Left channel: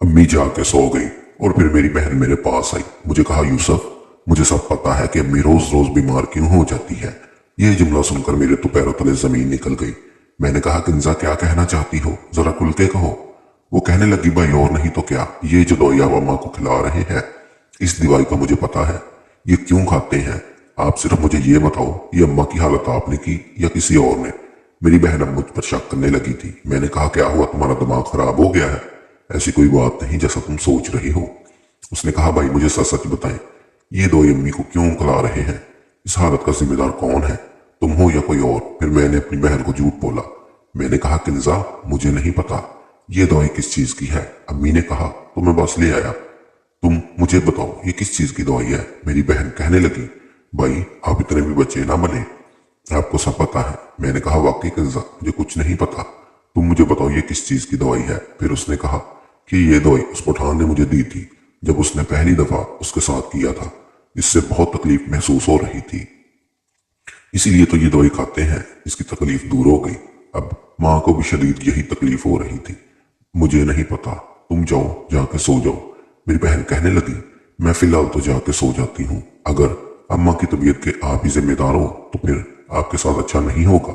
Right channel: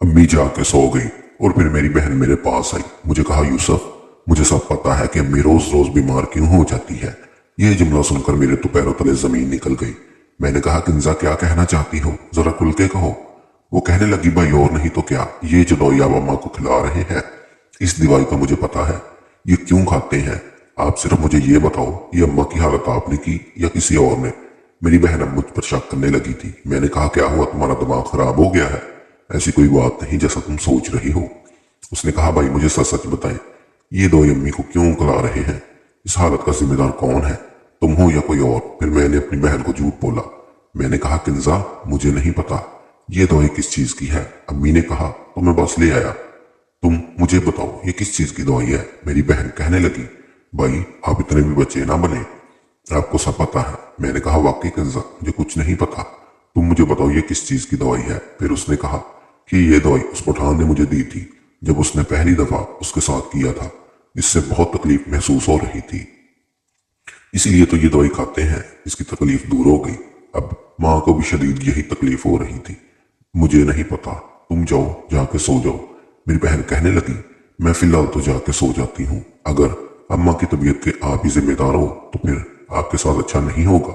अम्मी जाके सो गई और फिर मेरी बहन मेरे पास आई। मुझे कहा, यूसुफ, मुझे सब पता है कि अम्मी रोज रोज बीमार क्यों हो जाती है। ये जुमला सुनकर मेरे तो पैरों तले जमीन निकल गई। मैंने कहा, कंजा क्या कहना चाहती हो, जरा खुल के कहो। वो कहने लगी, भाई और नहीं तो क्या, ये जो दवाई आप अम्मा को खिला रहे हैं, इस दवाई का मुझे पता है, ये क्यों खाते हैं। आप सिर्फ मुझे ये बताओ, ये अम्मा की हालत आपने की या किसी और ने। मेरी बहन अब मुझ पर शक करने लगी थी। मैंने कहा, क्या हुआ, तुम्हारा दिमाग खराब हो गया है? ऐसी कोई बात नहीं जैसा तुम सोच रही हो। उसने कहा, भाई मुझे सच सच बताएं, ये दो अम्मी को क्यों खिला रहे हैं? इस हालत का जिम्मेदार कौन है, तुम हो या कोई और? फिर मैंने अपनी बहन को झूठ बोला। मैंने कहा, किन्जा, मुझे नहीं पता ये दवाई किस चीज की है। अम्मी ने कहा तो मैं बस ले आया। तुम मुझे बताओ ये किस चीज की दवाई है? मेरी बहन कहने लगी, भाई आप इतने भी बच्चे ना बने, आपको सब पता है। मैंने कहा, वाकई किन्जा, मुझे कुछ नहीं पता, तुम मुझे बताओ ये किस चीज की दवाई है। फिर उसने कहा कि ये दवाई उस पठान ने मुझे दी थी जब उसने पहली दफा उसके साथ किया था। इससे बहुत तकलीफ महसूस हो रही थी, इसीलिए तो ये दवाई खाते हैं। इसकी तकलीफ दूर हो गई। अब माँ को भी शदीद यही तकलीफ हो रही थी। मुझे नहीं पता, तुम जाओ, जाके सो जाओ। मेरी बहन कहने लगी, मैं फिलहाल तो जाके सो जाती हूँ। अगर अम्मा की तबीयत के आप ही जिम्मेदार हो तो फिर आपके साथ अच्छा नहीं होगा,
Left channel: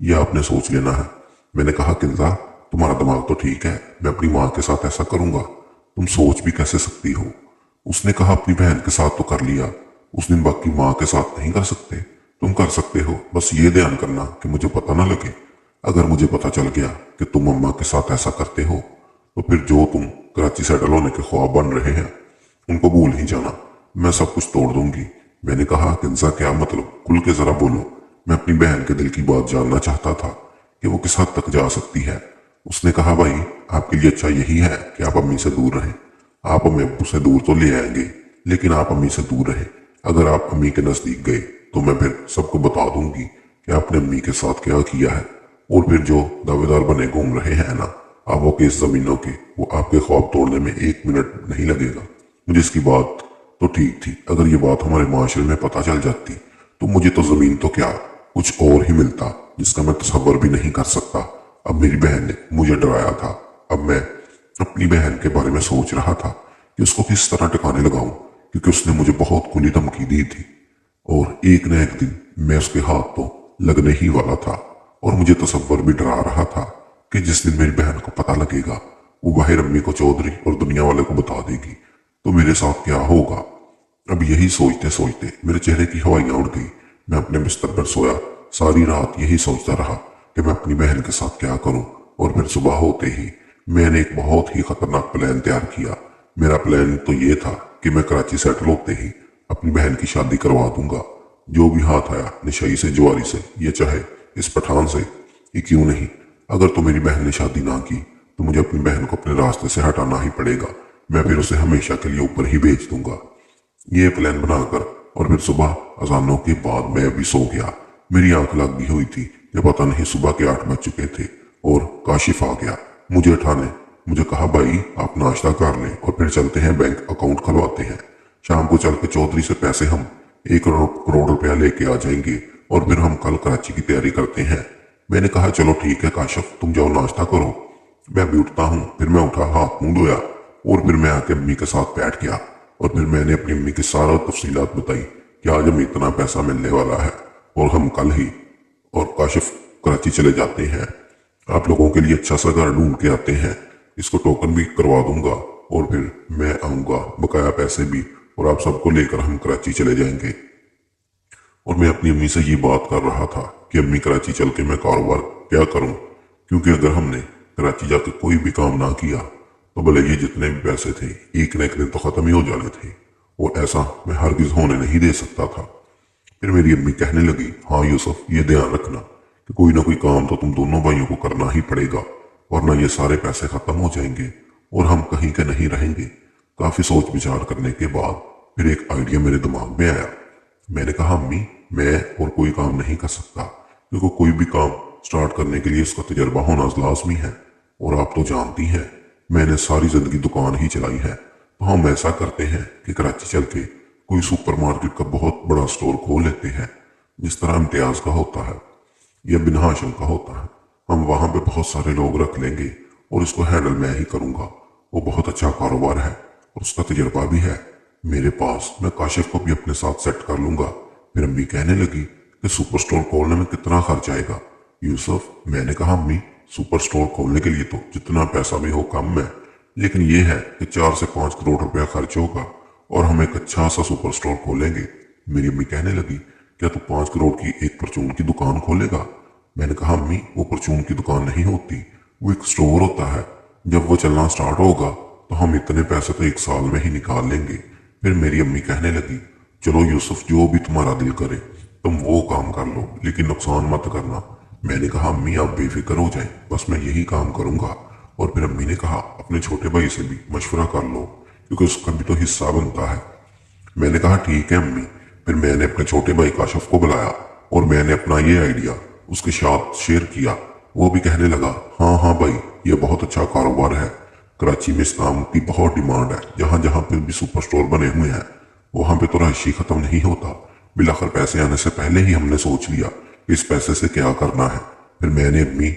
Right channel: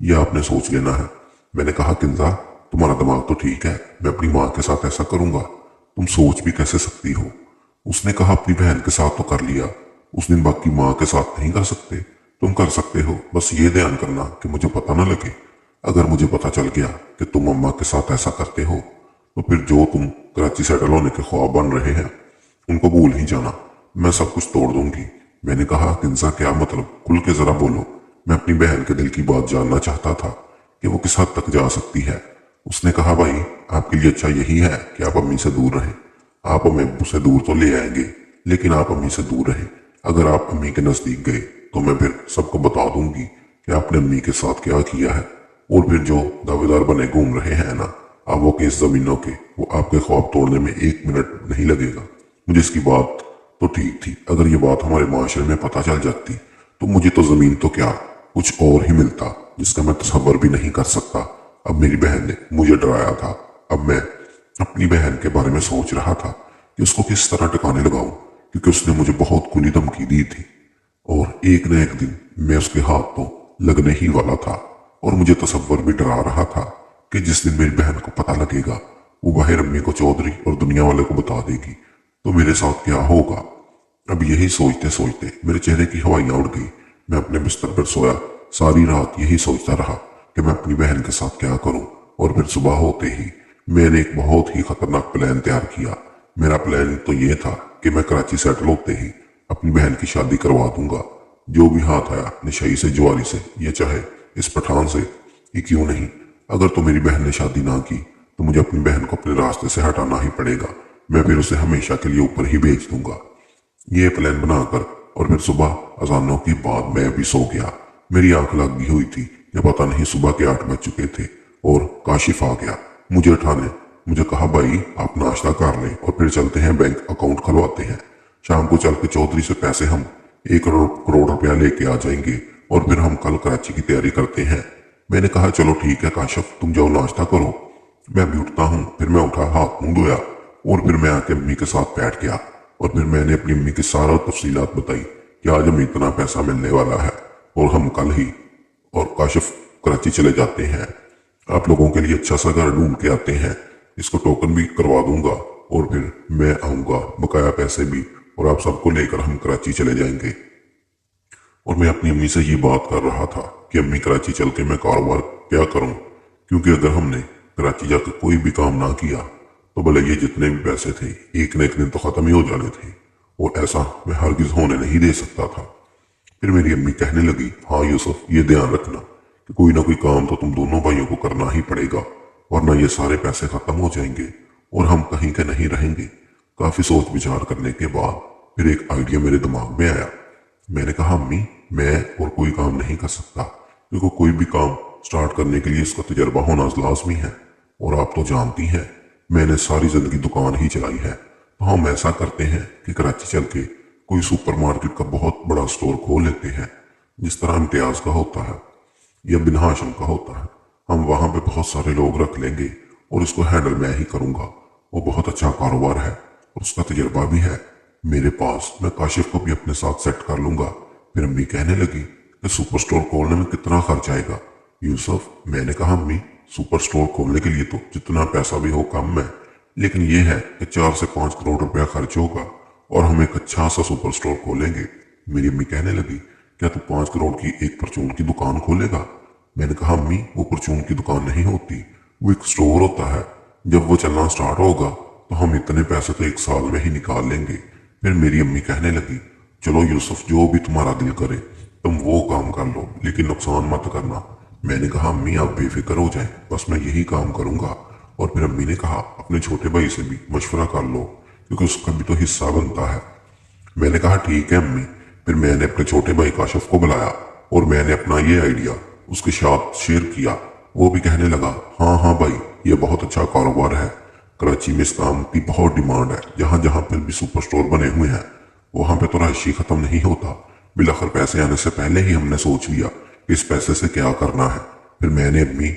यह आपने सोच लेना है। मैंने कहा, किंजा, तुम्हारा दिमाग तो ठीक है, मैं अपनी माँ के साथ ऐसा करूंगा, तुम सोच भी कैसे सकती हो? उसने कहा, अपनी बहन के साथ तो कर लिया, उस दिन बाकी माँ के साथ नहीं कर सकते? तुम कर सकते हो, बस ये ध्यान करना कि मुझे पता न लगे। अगर मुझे पता चल गया कि तुम अम्मा के साथ ऐसा करते हो तो फिर जो तुम कराची सेटल होने के ख्वाब बन रहे हैं उनको भूल ही जाना, मैं सब कुछ तोड़ दूंगी। मैंने कहा, किंजा, क्या मतलब, खुल के जरा बोलो, मैं अपनी बहन के दिल की बात जानना चाहता था कि वो किस हद तक जा सकती है। उसने कहा, भाई आपके लिए अच्छा यही है कि आप अम्मी से दूर रहें। आप अम्मी अब्बू से दूर तो ले आएंगे, लेकिन आप अम्मी से दूर रहें। अगर आप अम्मी के नजदीक गए तो मैं फिर सबको बता दूंगी कि आपने अम्मी के साथ क्या किया है। और फिर जो दावेदार बने घूम रहे हैं ना अब वो केस जमीनों के, वो आपके ख्वाब तोड़ने में 1 मिनट नहीं लगेगा। मुझे इसकी बात तो ठीक थी, अगर ये बात हमारे माशरे में पता चल जाती तो मुझे तो जमीन तो क्या, कुछ और ही मिलता जिसका मैं तसव्वुर भी नहीं कर सकता। अब मेरी बहन ने मुझे डराया था। अब मैं अपनी बहन के बारे में सोच रहा था कि उसको किस तरह टकाने लगाऊं, क्योंकि उसने मुझे बहुत खुली धमकी दी थी और एक न एक दिन मैं उसके हाथ तो लगने ही वाला था। और मुझे तसव्वुर भी डरा रहा था कि जिस दिन मेरी बहन को पता लगेगा वो बाहर अम्मी को चौधरी और दुनिया वाले को बता देगी तो मेरे साथ क्या होगा। अब यही सोचते सोचते मेरे चेहरे की हवाइयां उड़ गई। मैं अपने बिस्तर पर सोया, सारी रात यही सोचता रहा कि मैं अपनी बहन के साथ क्या करूं। और फिर सुबह होते ही मैंने एक बहुत ही खतरनाक प्लान तैयार किया। मेरा प्लान तो ये था कि मैं कराची सेटल होते ही अपनी बहन की शादी करवा दूंगा। जो भी हाथ आया, नशई से, जुआरी से, ये चाहे इस पठान से ही क्यों नहीं। अगर तो मेरी बहन ने शादी ना की तो मुझे अपनी बहन को अपने रास्ते से हटाना ही पड़ेगा। मैं फिर उसे हमेशा के लिए ऊपर ही भेज दूंगा। ये प्लान बनाकर और फिर सुबह अजानों के बाद मैं भी सो गया। मेरी आंख लगी हुई थी कि पता नहीं सुबह के 8 बज चुके थे और काशिफ आ गया मुझे उठाने। मुझे कहा, भाई आप नाश्ता कर लें और फिर चलते हैं, बैंक अकाउंट खुलवाते हैं। शाम को चल के चौधरी से पैसे हम 1 करोड़ रुपया लेके आ जाएंगे और फिर हम कल कराची की तैयारी करते हैं। मैंने कहा, चलो ठीक है काशिफ, तुम जाओ नाश्ता करो, मैं भी उठता हूँ। फिर मैं उठा, हाथ मुंह धोया और फिर मैं आके अम्मी के साथ बैठ गया और फिर मैंने अपनी अम्मी की सारा तफसीलात बताई कि आज हमें इतना पैसा मिलने वाला है और हम कल ही और काशिफ कराची चले जाते हैं। आप लोगों के लिए अच्छा सा घर ढूंढ के आते हैं, इसको टोकन भी करवा दूंगा और फिर मैं आऊंगा, बकाया पैसे भी, और आप सबको लेकर हम कराची चले जाएंगे। और मैं अपनी अम्मी से ये बात कर रहा था कि अम्मी, कराची चल के मैं कारोबार क्या करूं, क्योंकि अगर हमने कराची जाके कोई भी काम ना किया तो भले ये जितने भी पैसे थे एक न एक दिन तो खत्म ही हो जाने थे और ऐसा मैं हरगिज होने नहीं दे सकता था। फिर मेरी अम्मी कहने लगी, हाँ यूसुफ, ये ध्यान रखना कि कोई ना कोई काम तो तुम दोनों भाइयों को करना ही पड़ेगा, वरना ये सारे पैसे खत्म हो जाएंगे और हम कहीं के नहीं रहेंगे। काफी सोच विचार करने के बाद फिर एक आइडिया मेरे दिमाग में आया। मैंने कहा, अम्मी, मैं और कोई काम नहीं कर सकता, क्योंकि कोई भी काम स्टार्ट करने के लिए इसका तजर्बा होना लाजमी है और आप तो जानती हैं मैंने सारी जिंदगी दुकान ही चलाई है। तो हम ऐसा करते हैं कि कराची चल के कोई सुपरमार्केट का बहुत बड़ा स्टोर खोल लेते हैं, जिस तरह इम्तियाज का होता है या बिन हाशिम का होता है। हम वहां पे बहुत सारे लोग रख लेंगे और इसको हैंडल मैं ही करूंगा वो बहुत अच्छा कारोबार है और उसका तजुर्बा भी है मेरे पास, मैं काशिफ को भी अपने साथ सेट कर लूंगा। फिर अम्मी कहने लगी कि सुपर स्टोर खोलने में कितना खर्च आएगा यूसुफ? मैंने कहा अम्मी, सुपर स्टोर खोलने के लिए तो जितना पैसा भी हो कम है, लेकिन ये है कि 4 से 5 करोड़ रुपया खर्च होगा और हम एक अच्छा सा सुपर स्टोर खोलेंगे। मेरी अम्मी कहने लगी, क्या तू 5 करोड़ की एक परचून की दुकान खोलेगा? मैंने कहा अम्मी, वो परचून की दुकान नहीं होती, वो एक स्टोर होता है। जब वो चलना स्टार्ट होगा तो हम इतने पैसे तो 1 साल में ही निकाल लेंगे। फिर मेरी अम्मी कहने लगी, चलो यूसुफ, जो भी तुम्हारा दिल करे तुम वो काम कर लो, लेकिन नुकसान मत करना। मैंने कहा अम्मी, आप बेफिक्र हो जाए, बस मैं यही काम करूंगा। और फिर अम्मी ने कहा, अपने छोटे भाई से भी मशवरा कर लो क्योंकि उसका भी तो हिस्सा बनता है। मैंने कहा ठीक है अम्मी। फिर मैंने अपने छोटे भाई काशिफ को बुलाया और मैंने अपना ये आइडिया उसके साथ शेयर किया। वो भी कहने लगा, हाँ हाँ भाई, ये बहुत अच्छा कारोबार है। कराची में इस काम की बहुत डिमांड है। जहाँ जहाँ पर भी सुपर स्टोर बने हुए हैं वहां पे तो रहायशी खत्म नहीं होता। बिलाखिर पैसे आने से पहले ही हमने सोच लिया कि इस पैसे से क्या करना है। फिर मैंने अपनी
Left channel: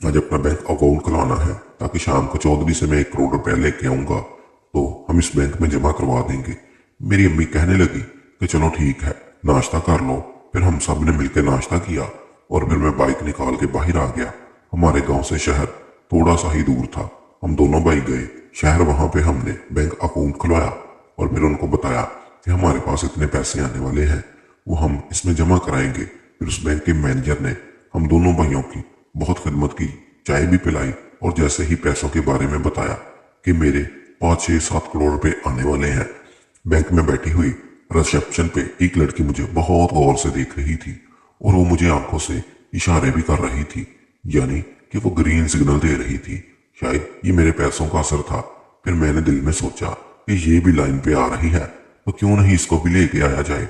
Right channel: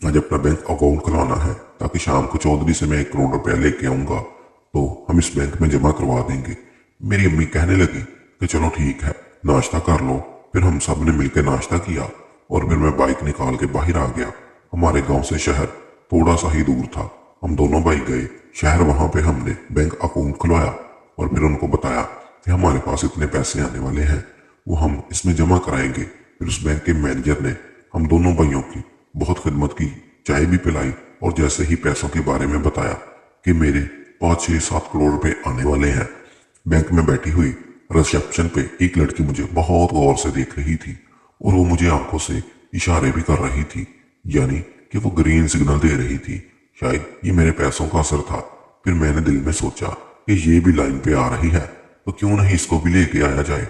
आज अपना बैंक अकाउंट कराना है ताकि शाम को चौधरी से मैं 1 करोड़ रुपया लेके आऊंगा तो हम इस बैंक में जमा करवा देंगे। मेरी अम्मी कहने लगी कि चलो ठीक है, नाश्ता कर लो। फिर हम सब ने मिलकर नाश्ता किया और फिर मैं बाइक निकाल के बाहर आ गया। हमारे गांव से शहर थोड़ा सा ही दूर था। हम दोनों भाई गए शहर, वहां पे हमने बैंक अकाउंट खुलवाया और फिर उनको बताया कि हमारे पास इतने पैसे आने वाले हैं, वो हम इसमें जमा कराएंगे। फिर उस बैंक के मैनेजर ने हम दोनों भाइयों की बहुत खिदमत की, चाय भी पिलाई और जैसे ही पैसों के बारे में बताया कि मेरे 5 6 7 करोड़ रुपए आने वाले हैं। बैंक में बैठी हुई रिसेप्शन पे एक लड़की मुझे बहुत गौर से देख रही थी और वो मुझे आंखों से इशारे भी कर रही थी, यानी कि वो ग्रीन सिग्नल दे रही थी। शायद ये मेरे पैसों का असर था। फिर मैंने दिल में सोचा कि ये भी लाइन पे आ रही है तो क्यों नहीं इसको भी लेके आया जाए।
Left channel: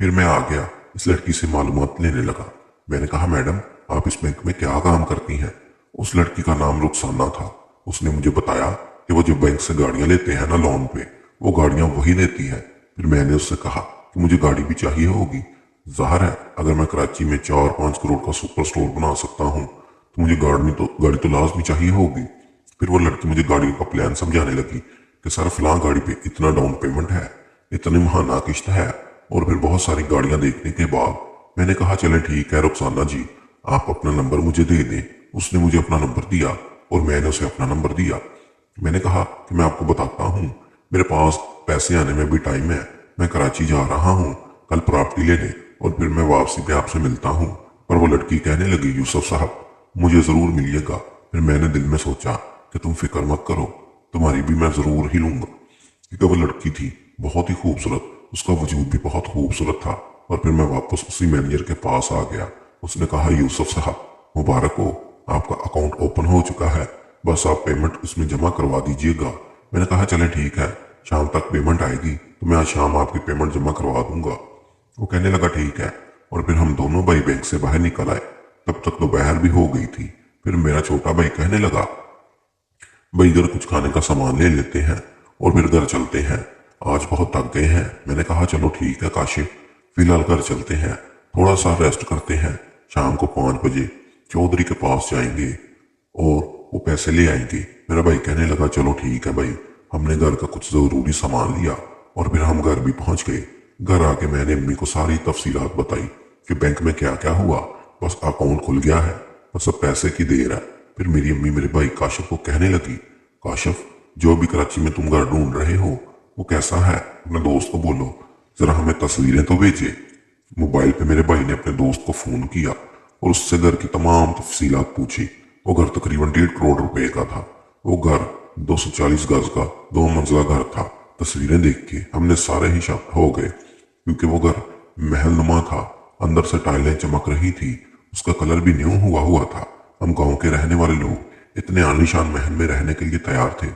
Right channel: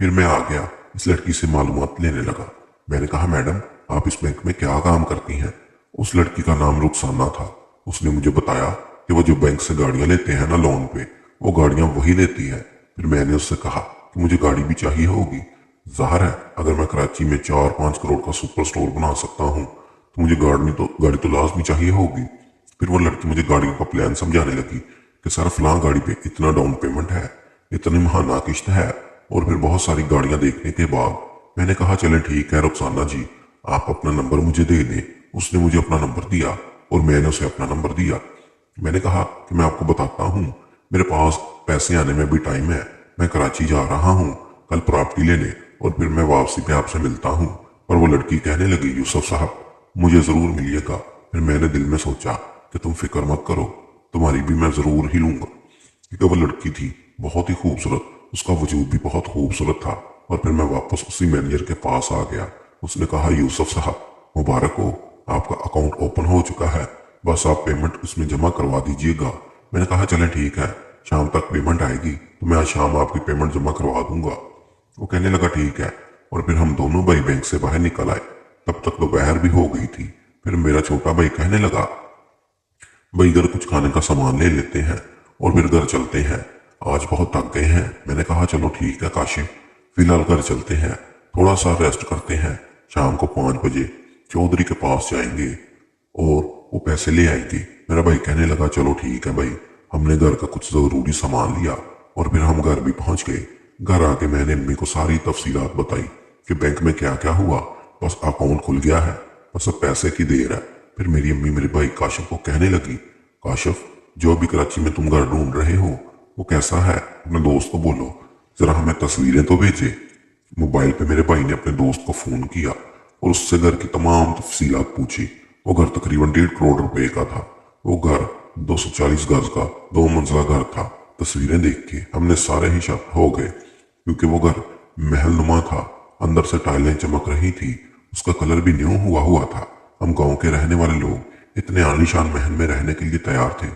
फिर मैं आ गया, इस लड़की से मालूमात लेने लगा। मैंने कहा, मैडम आप इस बैंक में क्या काम करती हैं? उस लड़की का नाम रुखसाना था। उसने मुझे बताया कि वो जो बैंक से गाड़ियां लेते हैं ना लोन पे, वो गाड़ियां वही देती है। फिर मैंने उससे कहा कि मुझे गाड़ी भी चाहिए होगी। जाहिर है अगर मैं कराची में 4 5 करोड़ का सुपर स्टोर बना सकता हूँ तो मुझे गाड़ी तो लाजमी चाहिए होगी। फिर वो लड़की मुझे गाड़ी का प्लान समझाने लगी कि सर फलां गाड़ी पे इतना डाउन पेमेंट है, इतनी महाना किश्त है और फिर बहुत सारी गाड़ियां देखने के बाद मैंने कहा चले ठीक है रुखसाना जी, आप अपना नंबर मुझे दे दें। उसने मुझे अपना नंबर दिया और मैंने उसे अपना नंबर दिया। मैंने कहा कि मैं आपको बताता हूँ, मेरे पास पैसे आने में भी टाइम है, मैं कराची जा रहा हूँ कल प्रॉपर्टी लेने और फिर मैं वापसी पे आपसे मिलता हूँ। पर वो लड़की कहने लगी, यूसुफ साहब मुझे जरूर मिलिएगा। फिर मैंने दिल में सोचा कि तुम फिक्र मत करो, तुम्हारी भी मैं जरूर ही लूंगा, क्योंकि वो लड़की थी बहुत ही खूबसूरत, उसका वजूद भी बहुत खूबसूरत था। और फिर मैं वापस उसी मैनेजर के पास आ गया। उसने कहा, यूसुफ साहब मुबारक हो, आपका अकाउंट ओपन हो चुका है, बस आप पेमेंट इसमें जमा करवा दीजिएगा। मैंने कहा चले ठीक है, शाम तक पेमेंट आएगी तो मैं आज शाम आपकी पेमेंट जमा करवा दूंगा। वो कहने लगा ठीक है। और फिर हम दोनों भाई बैंक से बाहर निकल आए। तब तक दोपहर भी हो गई थी। फिर मेरा छोटा भाई कहने लगा, भाई घर कुछ खाने का सामान ले लेते हैं और फिर घर चलते हैं, आज बहुत थक गए हैं। मैंने कहा चलो ठीक है काशिफ, फिलहाल घर चलते हैं, थोड़ा सा रेस्ट करते हैं, शाम को 5 बजे चौधरी के पास जाएंगे और वो पैसे ले आएंगे। मेरा भाई कहने लगा चलो ठीक है भाई। हमने घर का कुछ जरूरी सामान लिया और फिर हम घर भी पहुंच गए। घर आके मैंने अम्मी को सारी तफसीलात बताई कि बैंक में क्या क्या हुआ। बस अकाउंट खुल गया है, बस अब पैसे की देर है। फिर मेरी अम्मी मेरे भाई काशिफ को कहने लगी, काशिफ जो भी कराची में तुम घर ढूंढ रहे हो वो कैसा है, अपने दोस्त को बोलो जरा हमें तस्वीरें तो भेजे। मोबाइल पे मेरे भाई ने अपने दोस्त को फोन किया और उससे घर की तमाम तफसीलात पूछी। वो घर तकरीबन 1.5 करोड़ रुपए का था। वो घर 240 गज का 2 मंजिला घर था। तस्वीरें देख के हमने सारे ही शक हो गए क्योंकि वो घर महल नुमा था, अंदर से टाइलें चमक रही थी, उसका कलर भी न्यू हुआ हुआ था। हम गांव के रहने वाले लोग इतने आलीशान महल में रहने के लिए तैयार थे।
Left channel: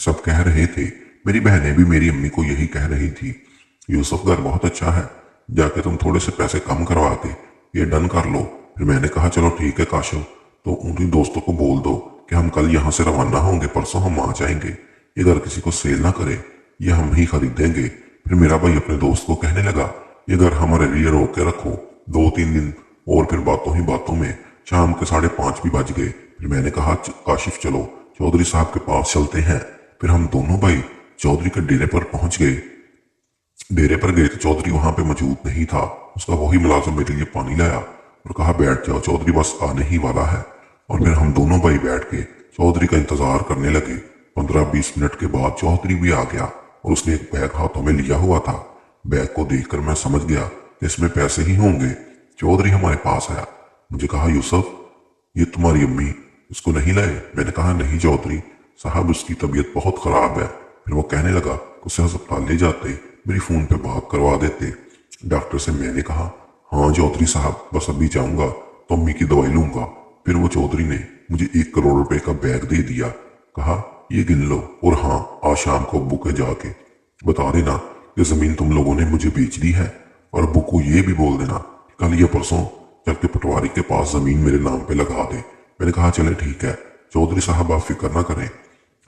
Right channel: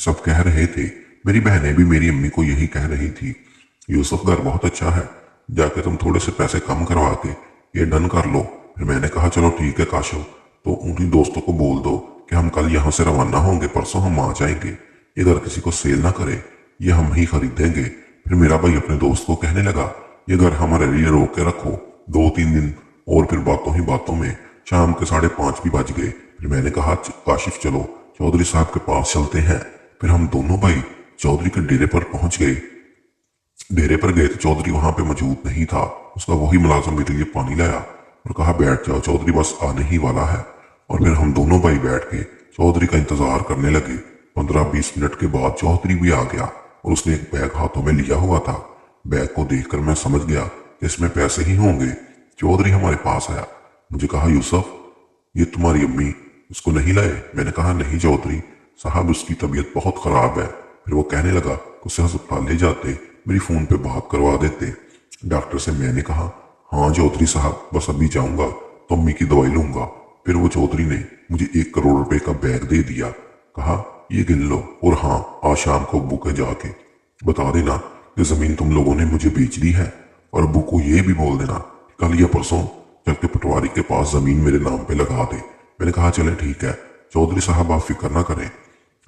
सब कह रहे थे, मेरी बहनें भी मेरी अम्मी को यही कह रही थी, यूसुफ घर बहुत अच्छा है, जाके तुम थोड़े से पैसे कम करवा के ये डन कर लो। फिर मैंने कहा चलो ठीक है काशिफ, तो उन्हीं दोस्तों को बोल दो कि हम कल यहाँ से रवाना होंगे, परसों हम आ जाएंगे, ये घर किसी को सेल ना करे, ये हम ही खरीदेंगे। फिर मेरा भाई अपने दोस्त को कहने लगा, ये घर हमारे लिए रोक के रखो 2 3 दिन। और फिर बातों ही बातों में शाम के 5:30 भी बज गए। फिर मैंने कहा काशिफ चलो चौधरी साहब के पास चलते हैं, फिर हम दोनों भाई चौधरी के डेरे पर पहुंच गए। डेरे पर गए तो चौधरी वहां पे मौजूद नहीं था। उसका वही मुलाजिम मेरे लिए पानी लाया और कहा बैठ जाओ, चौधरी बस आने ही वाला है। और फिर हम दोनों भाई बैठ के चौधरी का इंतजार करने लगे। 15-20 मिनट के बाद चौधरी भी आ गया और उसने एक बैग हाथों में लिया हुआ था। बैग को देखकर मैं समझ गया कि इसमें पैसे ही होंगे। चौधरी हमारे पास आया, मुझे कहा यूसुफ ये तुम्हारी अम्मी इसको नहीं लाए? मैंने कहा नहीं चौधरी साहब, उसकी तबीयत बहुत खराब है। फिर वो कहने लगा उसे अस्पताल ले जाते, मेरी फोन पे बात करवा देते डॉक्टर से। मैंने कहा हाँ चौधरी साहब, बस अभी जाऊंगा तो अम्मी की दवाई लूंगा। फिर वो चौधरी ने मुझे 1 करोड़ रुपए का बैग दे दिया, कहा ये गिन लो और हाँ आज शाम को अब्बू के जाके बता देना कि जमीन तुम लोगों ने मुझे बेच दी है, और अब्बू को ये भी बोल देना कल या परसों जाके पटवारी के पास जमीन मेरे नाम पे लगा दे। मैंने कहा चले ठीक है चौधरी साहब, आप फिक्र ना करें,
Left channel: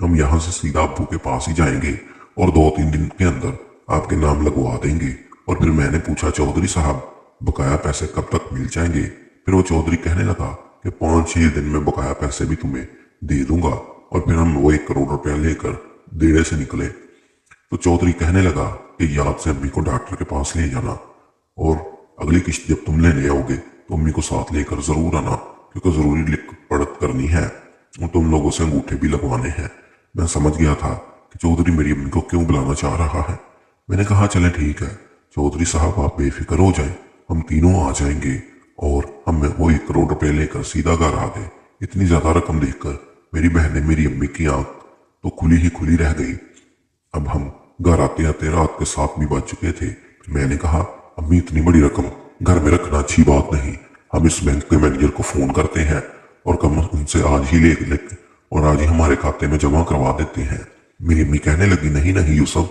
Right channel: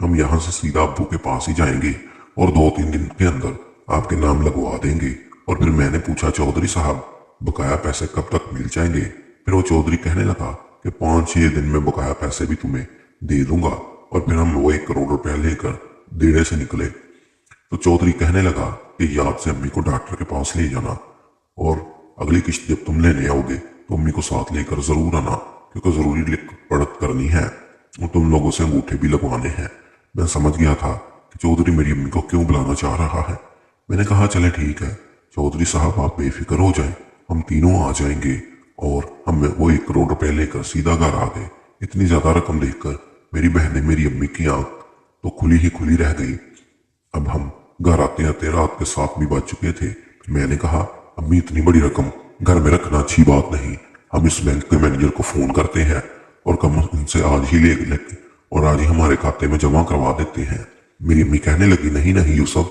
हम यहाँ से सीधा अब्बू के पास ही जाएंगे और 2-3 दिन के अंदर आपके नाम लगवा देंगे। और फिर मैंने पूछा चौधरी साहब बकाया पैसे कब तक मिल जाएंगे? फिर वो चौधरी कहने लगा कि 5-6 दिन में बकाया पैसे भी तुम्हें दे दूंगा। और फिर हम वो 1 करोड़ रुपया लेकर देने से निकले तो चौधरी कहने लगा कि याद से अम्मी को डॉक्टर के पास ले जाना, और अगली किस्त जब तुम लेने आओगे तो अम्मी को साथ लेकर जरूर आना, क्योंकि जरूरी लिख पढ़त करनी है और तुम लोगों से अंगूठे भी लगवाने हैं। मैं समझ गया था कि चौधरी मेरी अम्मी को क्यों बुलाना चाह रहा है। मैंने कहा चले ठीक है चौधरी साहब, आप बेफिक्र हो जाएं, हम तीनों आ जाएंगे। और हम वो 1 करोड़ रुपए लेकर सीधा घर आ गए। इतनी ज्यादा रकम देखकर मेरी बहन ने मेरी अम्मी की आंख तो खुली ही खुली रह गई। अब हम घर आते आते रात के 7 भी बज चुके थे। मैंने कहा अम्मी इतनी बड़ी रकम घर में रखना अच्छी बात नहीं, हम इस बैंक के मैनेजर को फोन करते हैं और कम उनसे आज ही ले और आज ही हमारे खाते में जमा करवा देते हैं। मेरी अम्मी कहने लगी नहीं नहीं यूसुफ,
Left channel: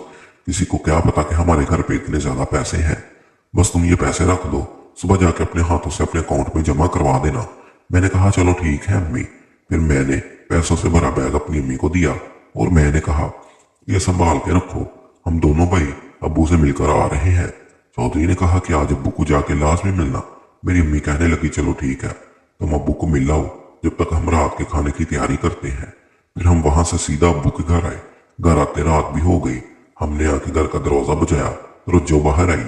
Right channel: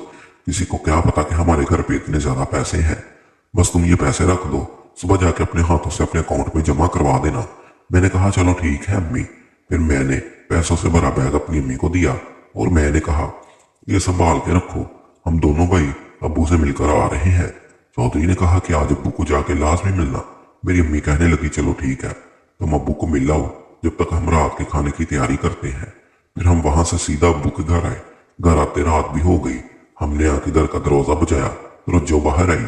किसी को क्या पता कि हमारे घर पे इतने ज्यादा पैसे हैं, बस तुम ये पैसे रख दो, सुबह जाके अपने हाथों से अपने अकाउंट में जमा करवा देना। मैंने कहा चलो ठीक है अम्मी। फिर मैंने पैसों से भरा बैग अपनी अम्मी को दिया और मैंने कहा ये संभाल के रखो, हम दोनों भाई अब्बू से मिलकर आ रहे हैं। चौधरी ने कहा कि आज अब्बू को जाके लाजमी मिलना। मेरी अम्मी कहने लगी चलो ठीक है तुम अब्बू को मिल लाओ, जब तक हम रात के खाने की तैयारी करते हैं। फिर हम वहां से सीधा अब्बू के घर आए। घर आते रात भी हो गई। हमने आके घर का दरवाजा बजाया, रुज्जो बाहर आई।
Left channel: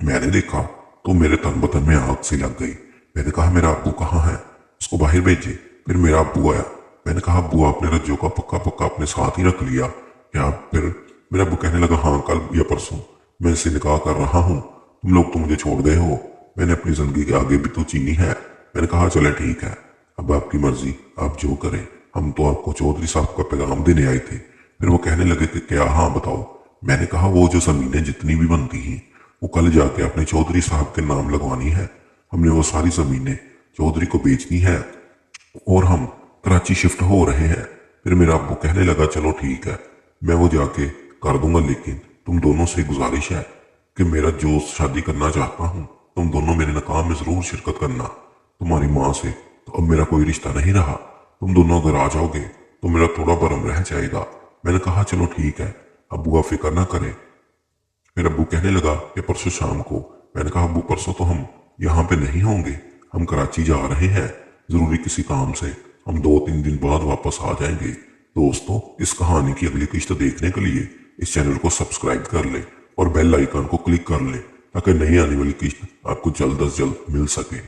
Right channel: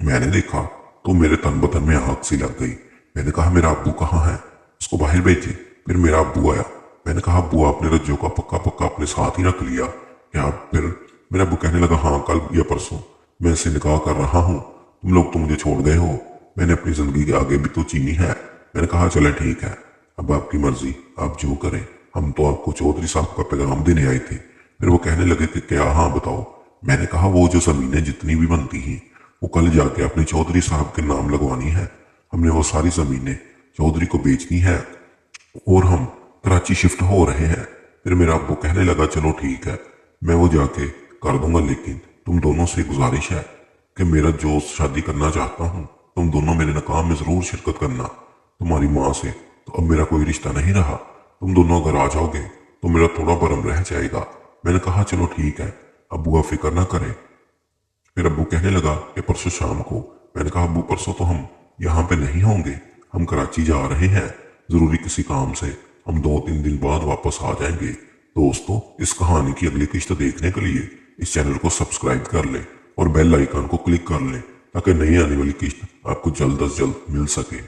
मैंने देखा तो मेरे तन बदन में आग सी लग गई। मैंने कहा मेरा अब्बू कहाँ है, उसको बाहर भेजिए। फिर मेरा अब्बू आया। मैंने कहा अब्बू आपने रज्जो का पक्का पक्का अपने साथ ही रख लिया क्या? फिर मेरा अब्बू कहने लगा हाँ कल या परसों मैं इससे निकाह कर रहा हूँ, तुम लोग तो मुझे छोड़ गए हो, मैंने अपनी जिंदगी के आगे भी तो जीनी है। मैंने कहा चले ठीक है अब आपकी मर्जी, आप जो करें, हम तो आपको चौधरी साहब का पैगाम देने आए थे। फिर वो कहने लगे कि क्या? हाँ बताओ। मैंने कहा वो जो जमीनें जितनी भी बनती हैं वो कल जाके अपने चौधरी साहब के नाम लगवानी है। हमने वो सारी जमीनें चौधरी को बेचनी है और हम कराची शिफ्ट हो रहे हैं। फिर मेरा अब्बू कहने लगा चलो ठीक है मैं वो जाके कर दूंगा, लेकिन तुम दोनों से गुजारिश है कि मेरा जो शादी करना चाहता हूँ तुम दोनों मेरे निकाह में जरूर शिरकत करना। तुम्हारी माँ से तो अब मेरा कोई रिश्ता नहीं रहा, तुम दोनों अगर आ जाओगे तो मेरा थोड़ा भरम रह जाएगा। मैंने कहा चलो ठीक है अब्बू आप फिक्र ना करें। फिर अब्बू कहने लगा कि परसों शाम को। मैंने कहा अब्बू परसों तो हम यहाँ पे नहीं होंगे, हम कराची जा रहे हैं जरूरी किसी काम से, हम 2-3 दिन बाद वापस आ जाएंगे। दोस्तों इस कहानी की अगली किस्त देखने के लिए इस चैनल को सब्सक्राइब कर ले और बेल आइकन को क्लिक कर ले ताकि नई आने वाली किस्त आपको जल्द अज जल्द मिल सके।